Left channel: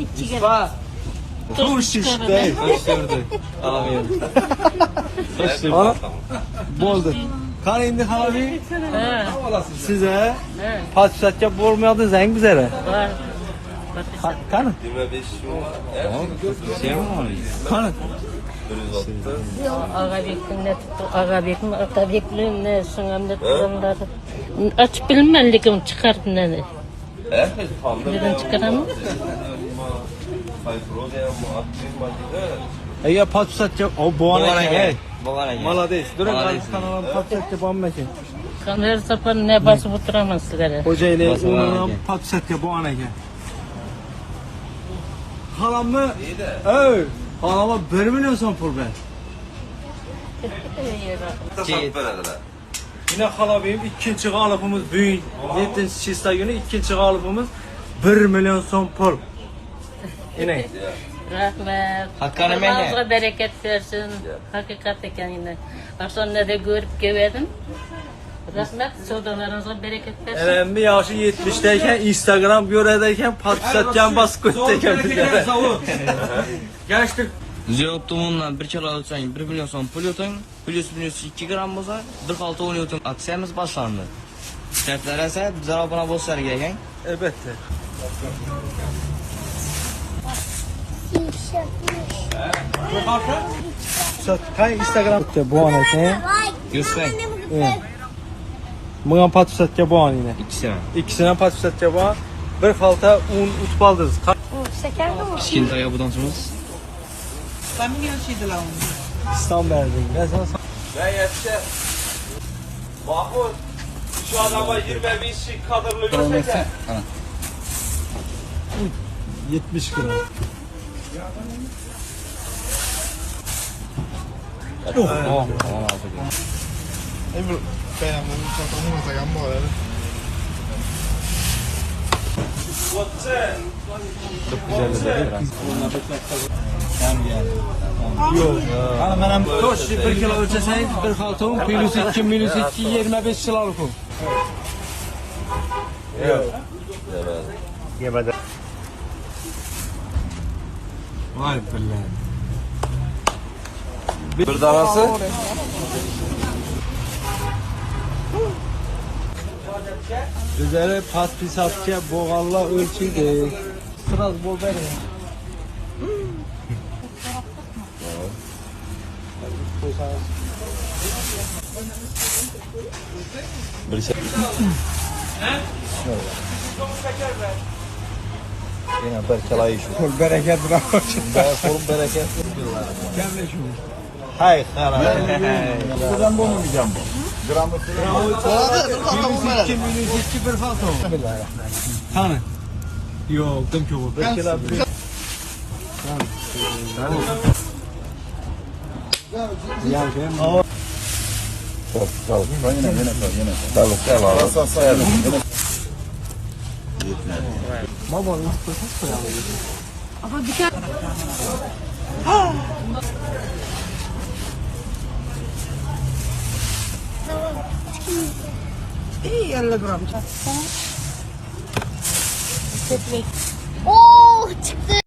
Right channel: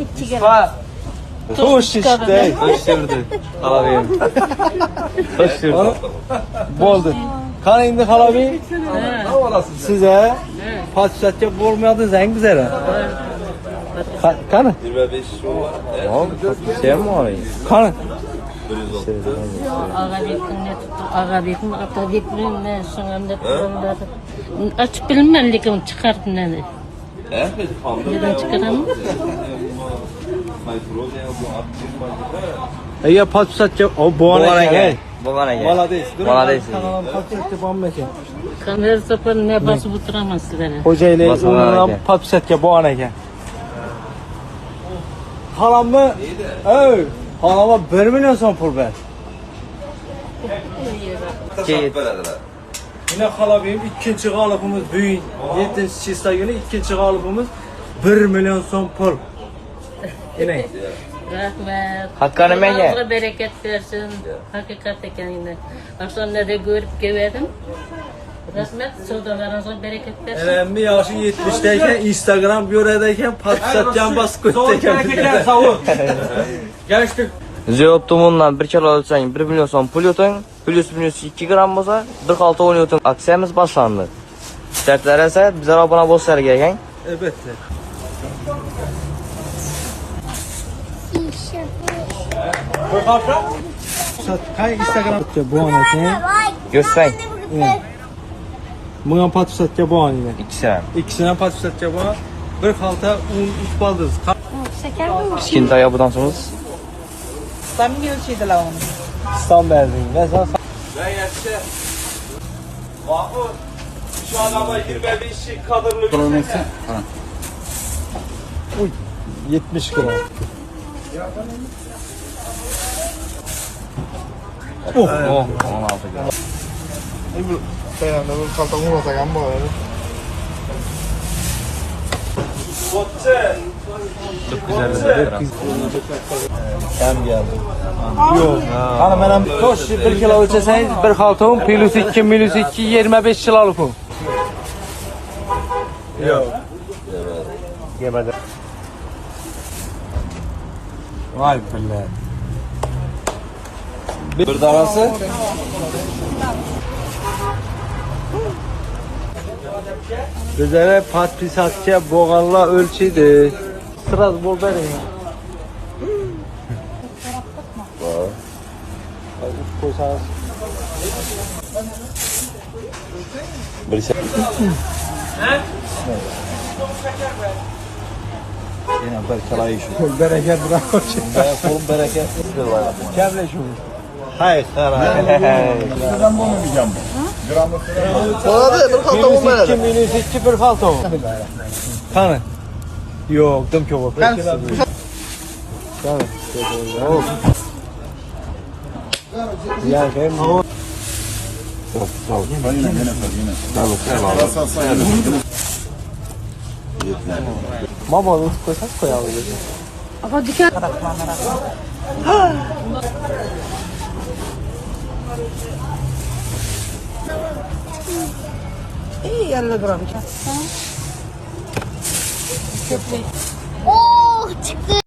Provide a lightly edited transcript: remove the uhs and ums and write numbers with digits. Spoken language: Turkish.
İki kere. Hoş işte. Hoş geldin. Abi. Hoş geldin. Bo'ldi. Qani endi halabi Ha. size patsatga bo'lmaydi zang bizara. Var. Qani? 25 şu. Tamam. Şey mi var? Qani? Ağabeyim ne tuttu? Ağabeyim, Atabeyim ne? Şunamda tuttular. Açıp bilmem lekin çıkardı ne? Neden çıkaramam? Ya patsatga o bo'lar ekan. Boğan ege. Молодец. Durun Молодец. kanalım patsatga bo'lmasin. Her zaman ne basıp oturamaz sizlere. Xo'jaylik Basmalar umuman ekan. patsatga bo'lgan ekan. Halamni, ey, halama 1 milyon so'm pul ber. Tasarruf verediler. Yine halabiyim ikinci g'olibimiz bugun 7-chista günü ikinci g'olibimiz 1 milyon so'm pul. Yine. Rahmet. Hakkını men ye. Allah'a bereket versin. Hakikat ekan yine. Akşamda da görüp geldim. Rahmet. Savdalarınıza bereket versin. Elimde yaşı 70'teyken Instagram göredeyken patsatgan basıp ko'tdayken bizlere. Geliştik. Ziyoptomundan bir kilo alsang 1 milyon so'm pul yo'ting, plus minus 2 gram bo'lsa 46 10 yo'ting. Aksiyamiz boshlandi. Startlar esa bizlar obuna bo'lsanglar ekan. Elbette. Hay Instagram bu an ekan. Görsang. Bunga patsatga bo'lgan yine. İkisi. İkisine patsatga bo'lgan. Bir xalta un utib oldingiz. Şeker mi? Kichkintoy obudan so'z. Stan berdin. Ne sen? Ben yetişe. Mahmut. Şu adama 25 kadırlı bir şeker. 70 gram. Oh. Botçe. Ben geldim. Hanım benim toş 1 kilo ölçeseniz 1 xalta un plus 2 minus 2 25 kiloluk un. Yok. Gebede. Vay billah. Bir davası. Bizlere patisatga bo'lganlar o'lchaydi. Sırası bol verin ya. Yine bir çalayı şu. Kul bereket bravo. Kolum bereket. Gel şu. Hayır. Ben bunu diyeceğim. Gramı Minus 2 bir falta. Hani? Yok, dem ki o. Ben ya ben Mama usta kaç ya? Ama dikkat. İyi 50 gram. Oh çıktı.